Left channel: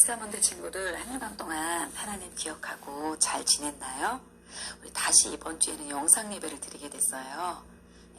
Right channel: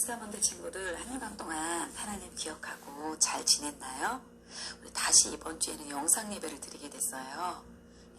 보스타몬드 친구들 한 주간 동안 하나님 기억하고 잘 지냈나요? 우리 다시 이번 주에는 영상 예배를 드리게 됐어요.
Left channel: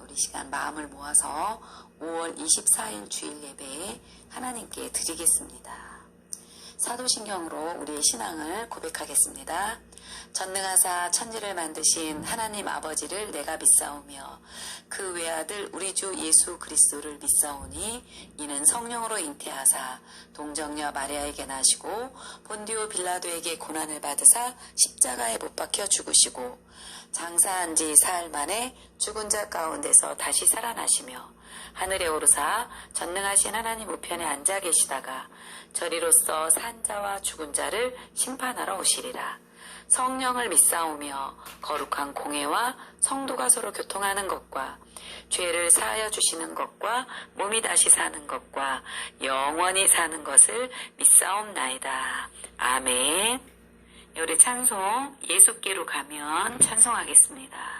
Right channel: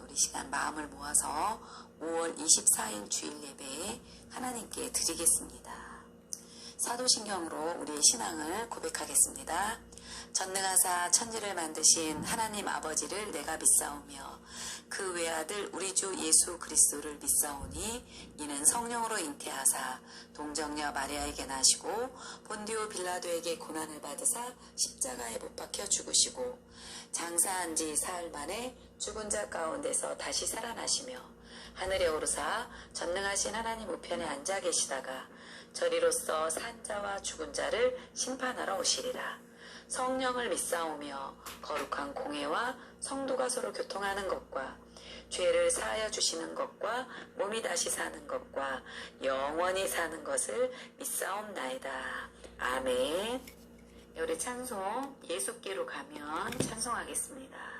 우리 시간 마음을 모아서 5월 24일 주일 예배에 하나님께 드리겠습니다. 사도신경으로 우리의 신앙을 고백하겠습니다. 전능하사 천지를 만드신 하나님 아버지를 내가 믿사오며 그 외아들 우리 주 예수 그리스도를 믿사오니 이는 성령으로 잉태하사 동정녀 마리아에게 나시고 본디오 빌라도에게 고난을 받으사 십자가에 못 박혀 죽으시고 장사한 지 사흘 만에 죽은 자 가운데서 다시 살아나시며 하늘에 오르사 전능하신 하나님 우편에 앉아 계시다가 저리로서 산 자와 죽은 자를 심판하러 오시리라. 성령을 믿사오며 거룩한 공회와 성도가 서로 교통하는 것과 죄를 사하여 주시는 것과 몸이 다시 사는 것과 영원히 사는 것을 믿사옵나이다. 아멘. 우리 찬송 예수께로 가면 찬송하겠습니다.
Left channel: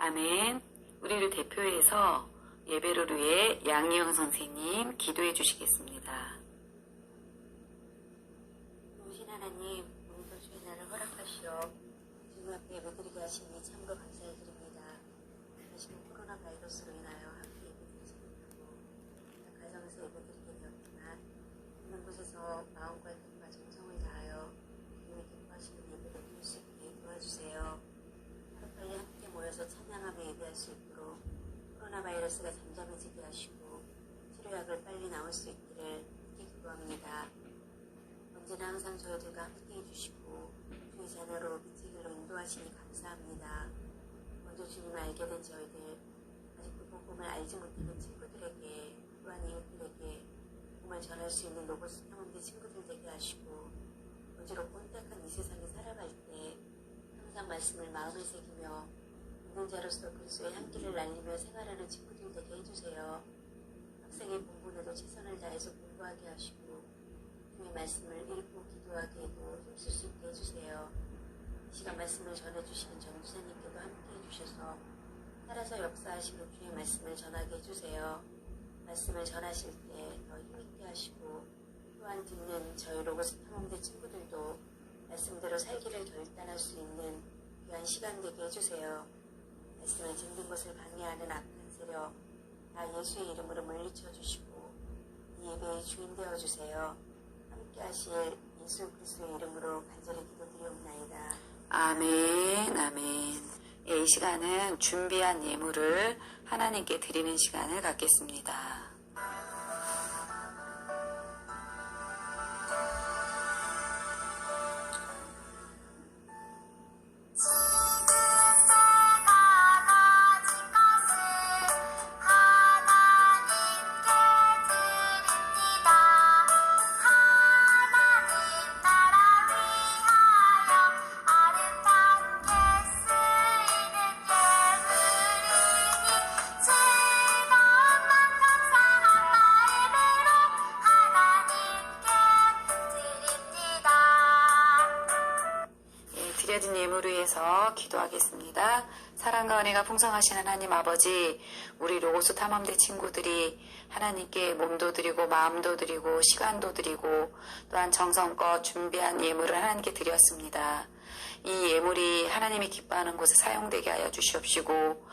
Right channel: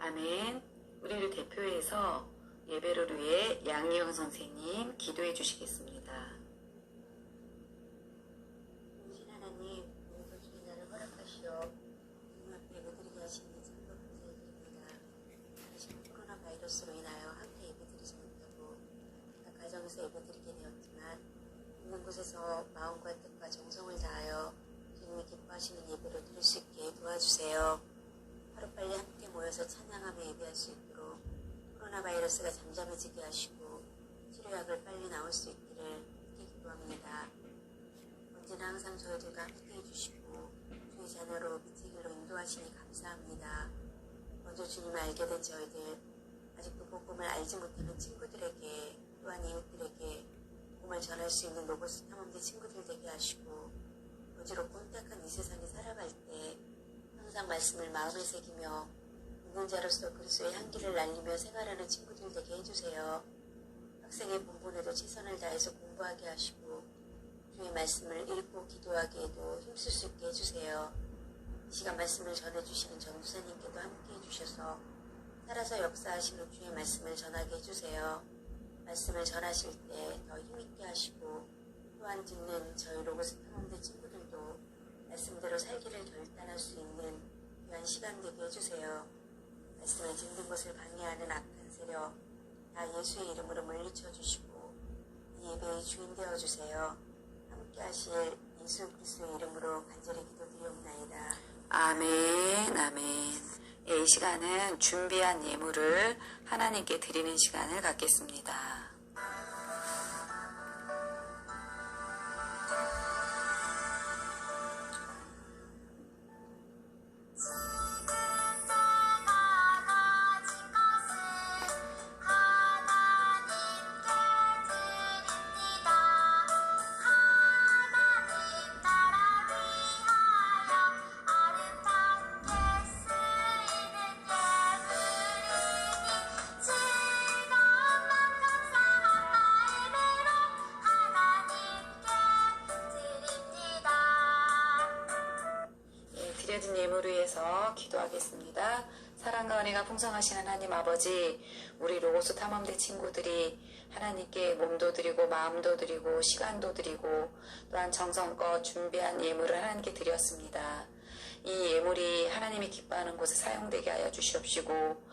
아멘. 우리를 대표해서 예배를 위해 양희영 선생님 기도해 주시겠습니다. 오신 하나님, 오늘도 주의 날을 허락하시어 주님 앞에 예배드리게 하시니 참으로 감사드립니다. 다시금 코로나 바이러스로 인하여 함께 예배드리지 못하고 각 가정에서 예배드리게 되었지만 있는 곳에서 마음과 뜻과 정성을 다하여 주님이 기뻐하시는 예배를 드릴 수 있게 도와주세요. 하루빨리 함께 모여서 찬양하며 예배할 수 있도록 코로나 바이러스가 잠잠해지게 하시고 치료약을 빨리 나올 수 있기를 함께 기도합니다. 언제나 항상 저희들과 함께 해주시고 주의 자녀로 빛의 길로 인도하시니 감사합니다. 먼저 주님을 알게 된 저희들, 아직도 복음을 알지 못하는 친구들에게 또한 이웃들에게 복음을 전할 수 있는 로고스 탐험대 친구들 되게 하시고 어지럽고 혼탁한 이 세상에 살아갈 때 항상 말씀을 마음에 새기며 믿는 자로서 그리스도의 향기를 날리며 생활하는 친구들 되게 해주세요. 학생의 본분에도 최선을 다해서 공부하게 하시고 주의 말씀을 읽고 기도하게 해도 힘쓸 수 있게 해주세요. 이 시간 말씀을 전해주시는 전도사님께도 함께 해주셔서 살아서 역사하시는 주의 말씀을 전하게 해주세요. 말씀을 전하실 때 더 힘있게 하시고 또한 듣는 저희 로고스 탐험대 친구들도 말씀대로 살기를 결단할 수 있는 귀한 시간 되게 해주세요. 말씀을 듣는 것을 방해하는 악한 세력 다 예수의 이름으로 물리쳐 주시고 이 예배의 주인 되어주세요. 함께 하실 예수 그리스도의 이름으로 간절히 기도드리옵나이다. 아멘. 아멘. 이 시간은 준비한 예물을 하나님께 드리는 시간을 갖겠습니다. 드려진 예물을 위해서 기도하겠습니다. 사랑과 은혜가 풍성하신 하나님 아버지, 우리 로고스 탐험대 친구들이 하나님께 몸도 드리고 마음도 드리고 시간도 드리고 또한 정성껏 준비한 예물을 하나님께 드렸습니다. 이 예물이 하나님이 기뻐하는 곳에 사용되게 하여 주시옵시고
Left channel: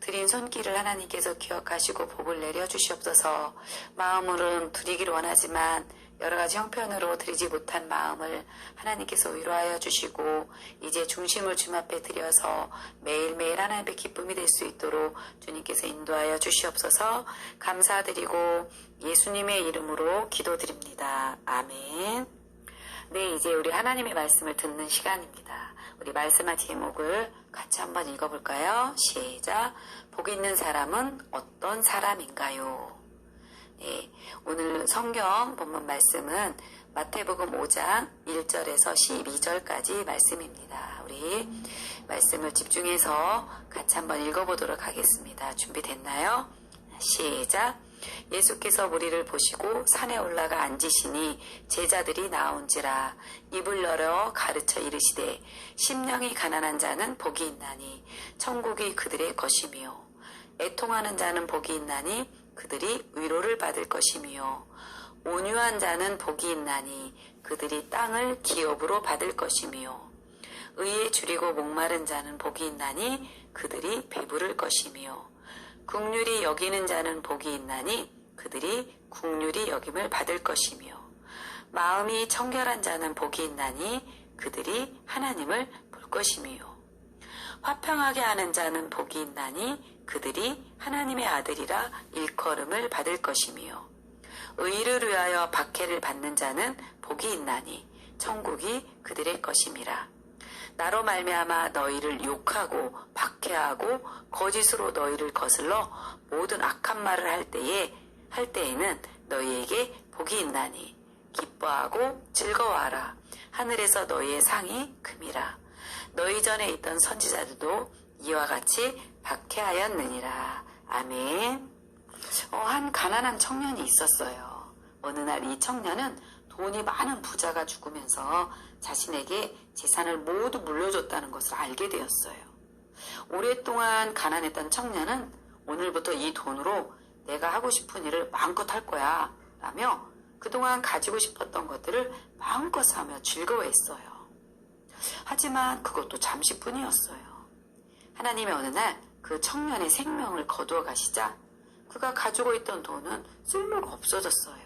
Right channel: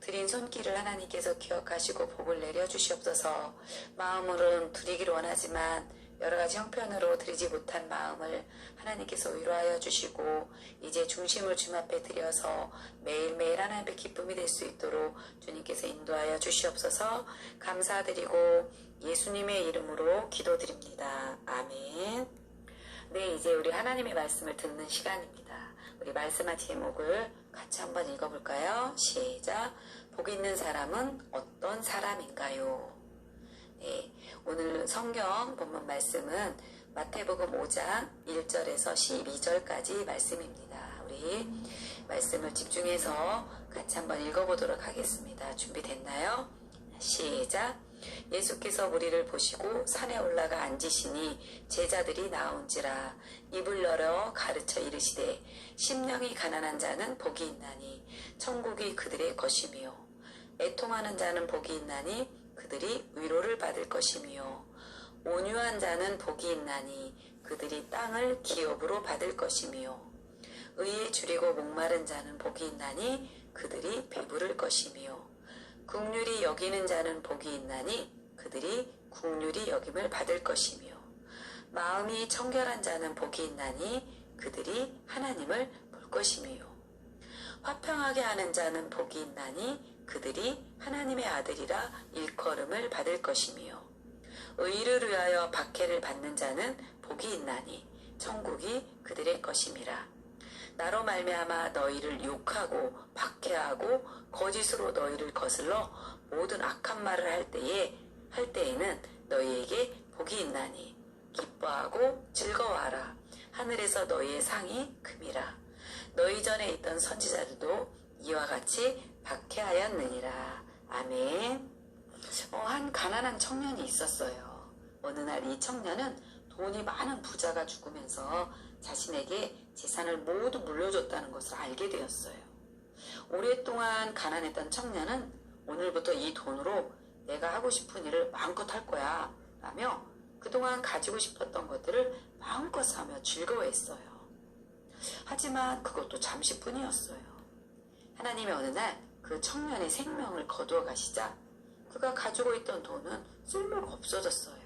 드린 손길을 하나님께서 기억하시고 복을 내려 주시옵소서. 마음으로는 드리기를 원하지만 여러 가지 형편으로 드리지 못한 마음을 하나님께서 위로하여 주시고 이제 중심을 주님 앞에 드려서 매일매일 하나님의 기쁨이 될 수 있도록 주님께서 인도하여 주시옵소서. 감사드리고 예수님의 이름으로 기도드립니다. 아멘. 네, 이제 우리 하나님의 말씀을 듣는 시간입니다. 우리 말씀한 제목을 같이 한번 읽어볼까요? 시작. 복 있는 사람은 어떤 사람인가요? 네, 오늘 성경 본문 말씀은 마태복음 5장 1절에서 12절까지 말씀입니다. 우리 말씀을 집중해서 같이 한번 읽어보도록 하겠습니다. 준비됐나요? 시작. 예수께서 무리를 보시고 산에 올라가 앉으시니 제자들이 나온지라 입을 열어 가르쳐 이르시되 심령이 가난한 자는 복이 있나니 천국이 그들의 것이며 애통하는 자는 복이 있나니 그들이 위로를 받을 것이며 온유한 자는 복이 있나니 그들이 땅을 기업으로 받을 것이며 의에 줄이고 목마른 자는 복이 있나니 그들이 배부를 것이며 긍휼히 여기는 자는 복이 있나니 그들이 긍휼히 여김을 받을 것이며 마음이 청결한 자는 복이 있나니 그들이 하나님을 볼 것이며 화평하게 하는 자는 복이 있나니 그들이 하나님의 아들이라 일컬음을 받을 것이며 의를 위하여 박해를 받는 자는 복이 있나니 천국이 그들의 것임이라. 나로 말미암아 너희를 욕하고 박해하고 거짓으로 너희를 거슬러 모든 악한 말을 할 때에는 너희에게 복이 있나니 기뻐하고 즐거워하라. 하늘에서 너희의 상이 금이라. 너희 전에 있던 선지자들도 이와 같이 박해하였느니라. 아멘. 한 가난한 청년이 있었어요. 어느 날 이 청년은 돈이 많은 부자가 죽으면서 자신에게 재산을 모두 물려줬다는 것을 알게 되었어요. 오랫동안 가난했던 청년은 오늘부터 이 돈으로 내가 하고 싶은 일을 마음껏 할 거야 라며 그동안 가지고 싶었던 것들을 마음껏 사며 즐거워했어요. 하지만 그것도 잠시뿐이었어요. 하나님이 어느 날 그 청년의 생명을 거두어 가시자 그가 가지고 있던 돈은 쓸모가 없어졌어요.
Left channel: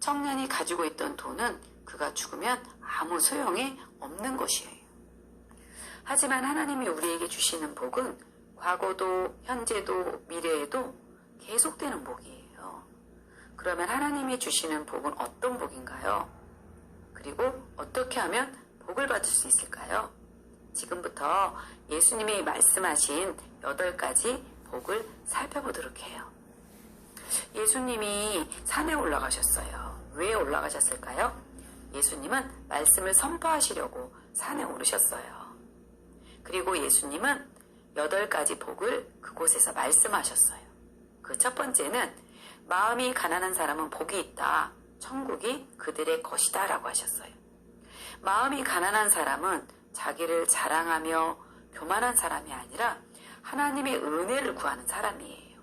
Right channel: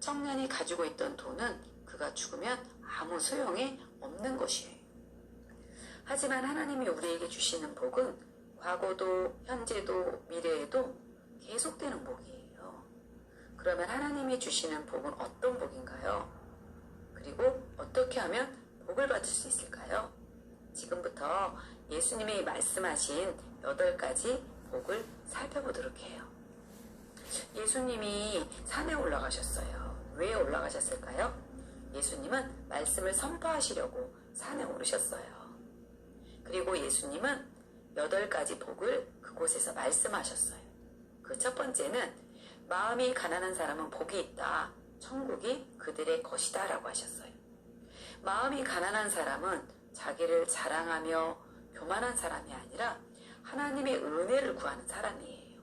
청년이 가지고 있던 돈은 그가 죽으면 아무 소용이 없는 것이에요. 하지만 하나님이 우리에게 주시는 복은 과거도 현재도 미래에도 계속되는 복이에요. 그러면 하나님이 주시는 복은 어떤 복인가요? 그리고 어떻게 하면 복을 받을 수 있을까요? 지금부터 예수님이 말씀하신 8가지 복을 살펴보도록 해요. 예수님이 산에 올라가셨어요. 왜 올라가셨을까요? 예수님은 말씀을 선포하시려고 산에 오르셨어요. 그리고 예수님은 8가지 복을 그곳에서 말씀하셨어요. 그 첫 번째는 마음이 가난한 사람은 복이 있다. 천국이 그들의 것이다 라고 하셨어요. 마음이 가난한 사람은 자기를 자랑하며 교만한 사람이 아니라 하나님의 은혜를 구하는 사람이에요.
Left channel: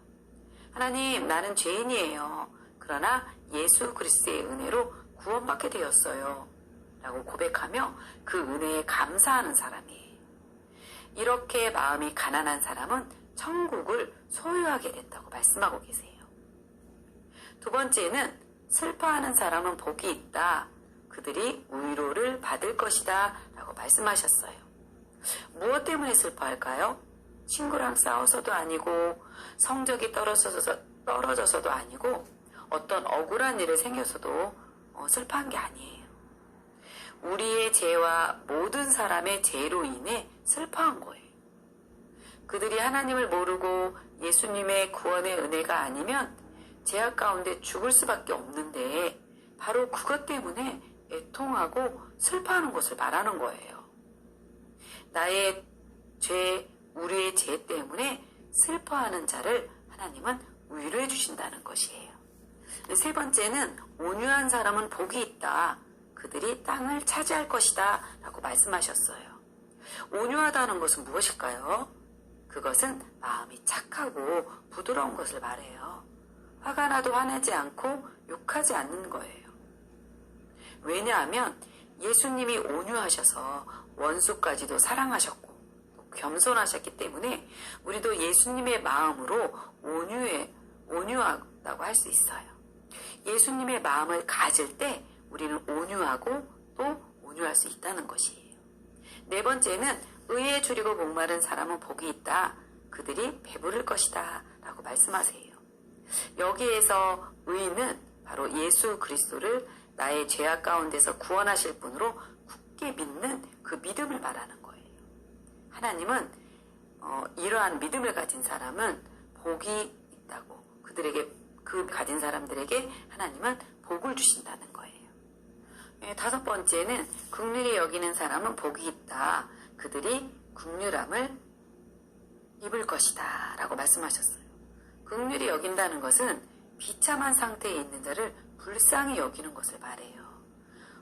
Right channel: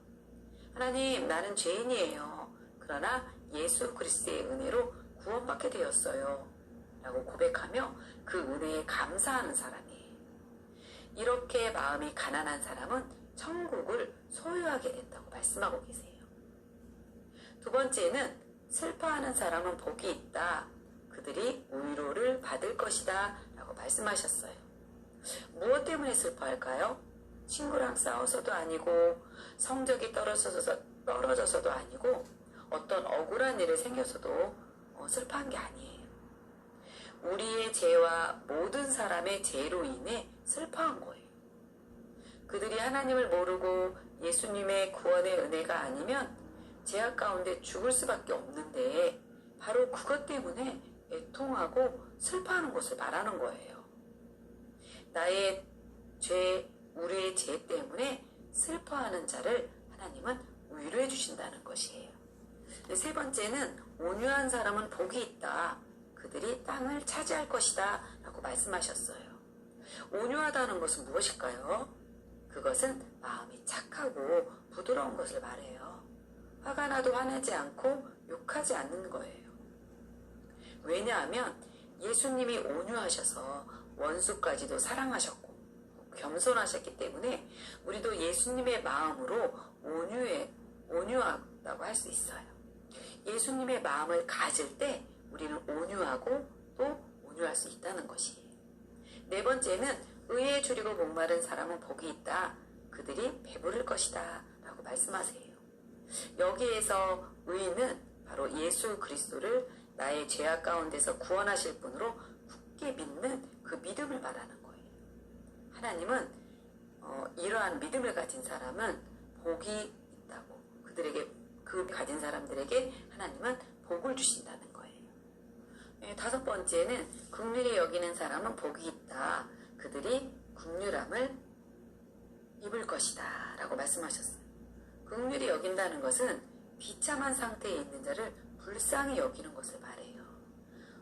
하나님, 나는 죄인이에요. 그러나 예수 그리스도의 은혜로 구원받게 되었어요. 라고 고백하며 그 은혜에 감사하는 사람이에요. 이렇게 마음이 가난한 사람은 천국을 소유하게 된다고 말씀하고 계세요. 두 번째는 슬퍼하는 사람은 복이 있다. 그들이 위로를 받을 것이다. 라고 말씀하셨어요. 무엇 때문에 슬퍼할까요? 친구랑 싸워서도 아니고 성적이 떨어져서도 아니고 어떤 억울한 일이 생겨서도 슬퍼한 게 아니에요. 우리의 죄와 모든 사람의 죄로 인해 슬퍼한 거예요. 그들이 하나님을 모르고 예수님의 구원의 은혜가 아니면 죄악 가운데 죽을 수밖에 없는데 바로 그것 때문에 애통하고 슬퍼하는 것을 말하는 거예요. 나의 죄, 우리의 죄 때문에 슬퍼하는 자를 하나님은 위로해 주신다는 것이에요. 세 번째는 온유한 사람은 복이 있다. 그들이 땅을 차지할 것이다 라고 말씀하셨어요. 온유하다는 것은 무엇일까요? 그것은 마음이 착하고 부드러운 것을 말해요. 화가 나도 화내지 않고 욕하지 않는 거예요. 왜냐하면 예수님이 온유하셔서 원수까지도 사랑하셨고 겸손하셨기 때문에 우리도 예수님의 마음으로 온유하다고 할 수 있어요. 예수님의 마음을 가질 때 우리는 온유하고 또 온유할 수 있다는 것이에요. 네 번째는 의에 줄이고 목마른 사람은 복이 있다. 그들이 배부를 것이다. 라고 말씀하세요. 여기에서 의는 바로 예수 그리스도를 나의 죄악 가운데서 구원하실 분으로 굳게 믿는 그 믿음을 말하는 거예요. 하나님은 이러한 믿음을 가진 사람은 복이 있다고 그 가진 사람들에게 하나님은 복을 주신다는 거예요. 다섯 번째는 긍휼히 여기는 사람은 복이 있다. 그들이 긍휼함을 입을 것이다 라고 말씀하셨어요. 긍휼히 여긴다는 것은 비참한 상태에 있는 자를 불쌍히 여기는 것을 말해요.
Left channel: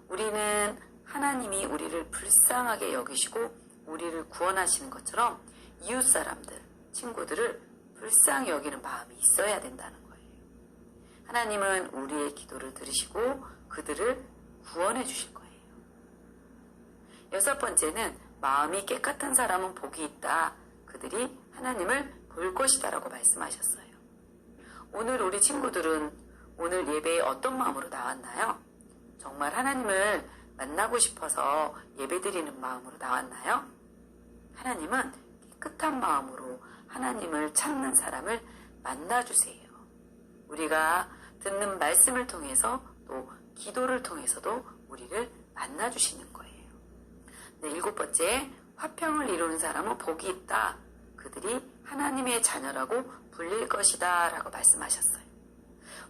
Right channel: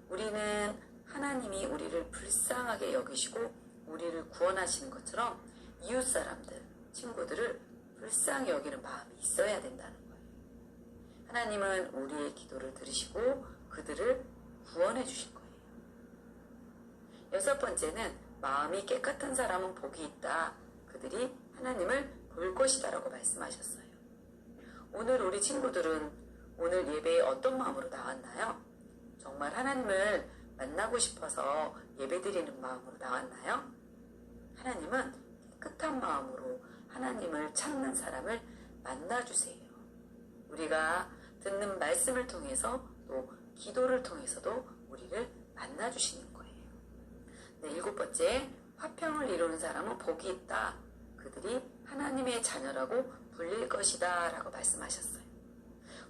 우리는 하나님이 우리를 불쌍하게 여기시고 우리를 구원하시는 것처럼 이웃 사람들, 친구들을 불쌍히 여기는 마음이 있어야 된다는 거예요. 하나님은 우리의 기도를 들으시고 그들을 구원해 주실 거예요. 여섯 번째는 마음이 깨끗한 사람은 복이 있다. 그들이 하나님을 볼 것이다 라고 말씀하셨어요. 오늘 우리 친구들은 오늘 예배에 어떤 마음으로 나왔나요? 정말 하나님을 만나고 싶어서 예배드리는 마음으로 나왔나요? 하나님은 깨끗한 마음으로 하나님을 찾는 사람을 만나주세요. 우리가 듣는 말씀을 통해서 또 기도를 통해서도 우리를 만나주시는 거예요. 네, 일곱 번째, 화평을 이루는 사람은 복이 있다. 그들이 하나님의 자녀라고 불릴 것이다 라고 말씀하셨어요.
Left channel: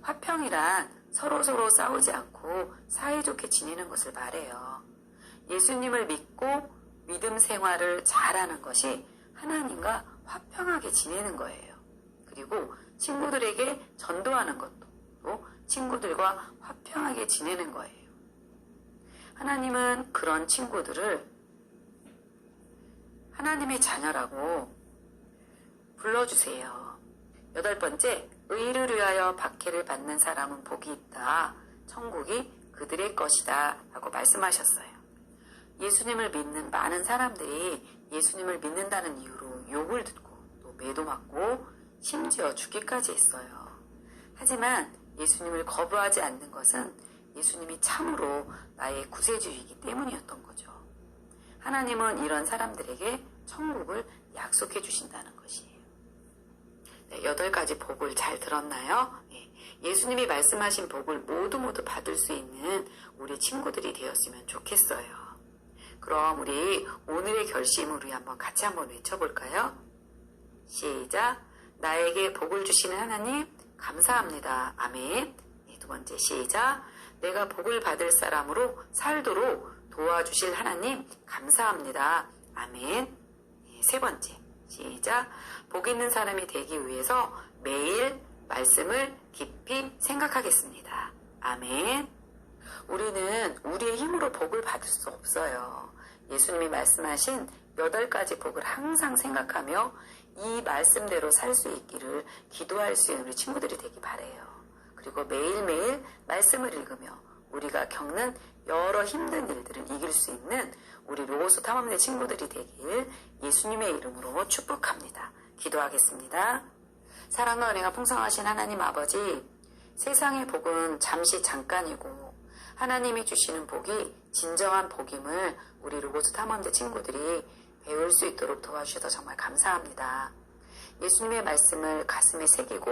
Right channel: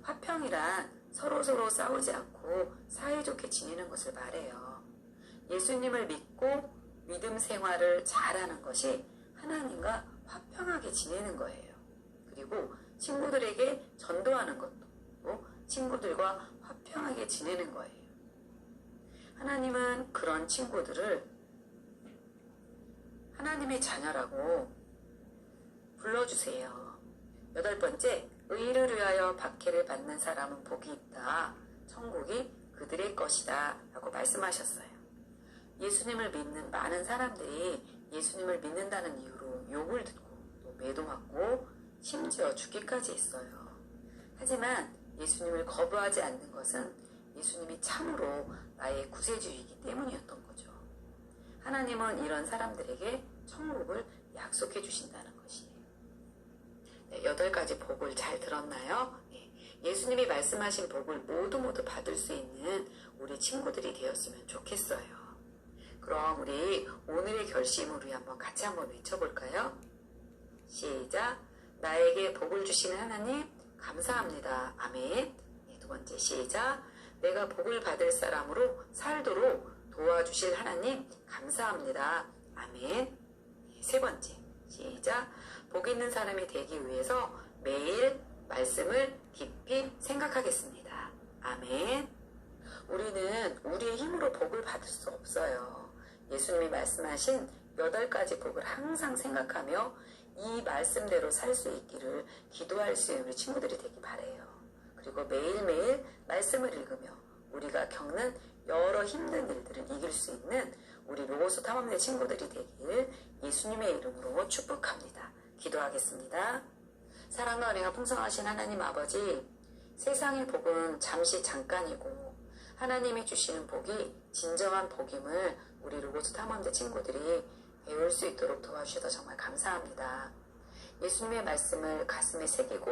화평이란 서로 싸우지 않고 사이좋게 지내는 것을 말해요. 예수님을 믿고 믿음 생활을 잘하는 것이 하나님과 화평하게 지내는 거예요. 그리고 친구들에게 전도하는 것도 또 친구들과 화평하게 지내는 거예요. 하나님은 그런 친구들을 하나님의 자녀라고 불러주세요. 여덟 번째, 의를 위하여 박해를 받는 사람은 복이 있다. 천국이 그들의 것이다 라고 말씀하셨어요. 예수님을 믿는 많은 사람들이 예수님을 믿는다는 이유로 욕을 듣고 또 매도맞고 심지어 죽기까지 했어요. 하지만 예수님을 거부하지 않는 것은 예수님이 참으로 나의 구세주이기 때문이었던 거죠. 하나님은 이런 사람들에게 천국을 약속해 주신다는 것이에요. 네, 8가지 복을 잘 들었나요? 예수님이 말씀하신 복을 모두 받을 수 있는 우리 친구들이 되었으면 좋겠어요. 그럼 우리 오늘의 결심을 우리 같이 한번 외쳐볼까요? 시작! 나에게 복을 주시는 하나님 감사합니다. 아멘. 두 번째 시작! 내가 복을 받을 사람으로 살도록 도와주실 하나님 감사합니다. 아멘. 세 번째 시작! 복 있는 사람이 되기 위해서 매일 말씀을 깊이 생각하겠습니다. 아멘. 우리는 우리의 힘으로 복을 받을 수 없어요. 예수님이 말씀하신 8가지 복을 항상 생각하며 이 말씀대로 살 수 있기를 기도할 수 있는 우리 친구들이 되기 바라요. 그리고 매일매일 말씀을 읽으며 우리가 겪는 여러 힘든 일들을 이길 수 있는 우리 로고스 탐험대 친구들이 되길 예수님의 이름으로 축복합니다. 기도하겠습니다. 사랑과 은혜가 풍성하신 하나님 아버지, 세상의 복은 잠시 잠깐이고 하나님이 주시는 복이 진정한 복임을 우리 로고스 탐험대 친구들이 배울 수 있도록 도와주셔서 정말 감사합니다. 예수님의 말씀을 가슴에 새기고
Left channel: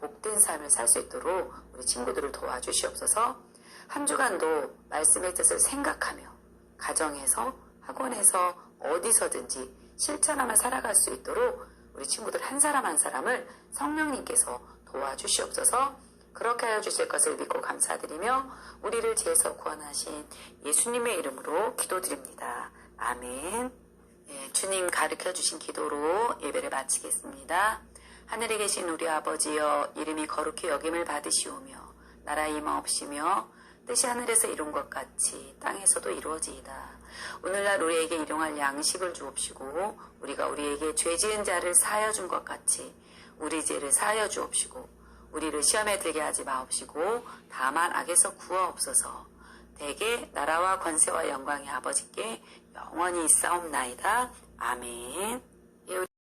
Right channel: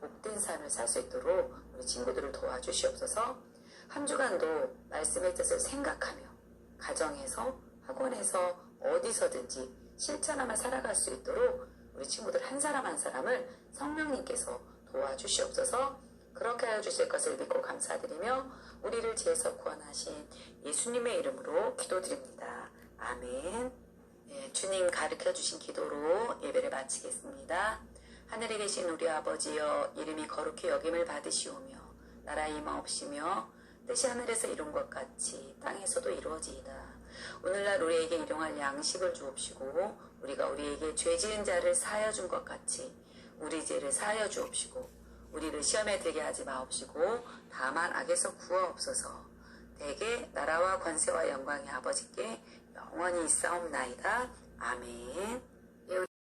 복된 삶을 살 수 있도록 우리 친구들을 도와주시옵소서. 한 주간도 말씀의 뜻을 생각하며 가정에서, 학원에서, 어디서든지 실천하며 살아갈 수 있도록 우리 친구들 한 사람 한 사람을 성령님께서 도와주시옵소서. 그렇게 하여 주실 것을 믿고 감사드리며 우리를 죄에서 구원하신 예수님의 이름으로 기도드립니다. 아멘. 주님 가르쳐 주신 기도로 예배를 마치겠습니다. 하늘에 계신 우리 아버지여, 이름이 거룩히 여김을 받으시오며 나라의 임하옵시며 뜻이 하늘에서 이룬 것 같이 땅에서도 이루어지이다. 오늘날 우리에게 일용할 양식을 주옵시고 우리가 우리에게 죄 지은 자를 사하여 준 것 같이 우리 죄를 사하여 주옵시고 우리를 시험에 들게 하지 마옵시고 다만 악에서 구하옵소서. 대개 나라와 권세와 영광이 아버지께 영원히 있사옵나이다. 아멘.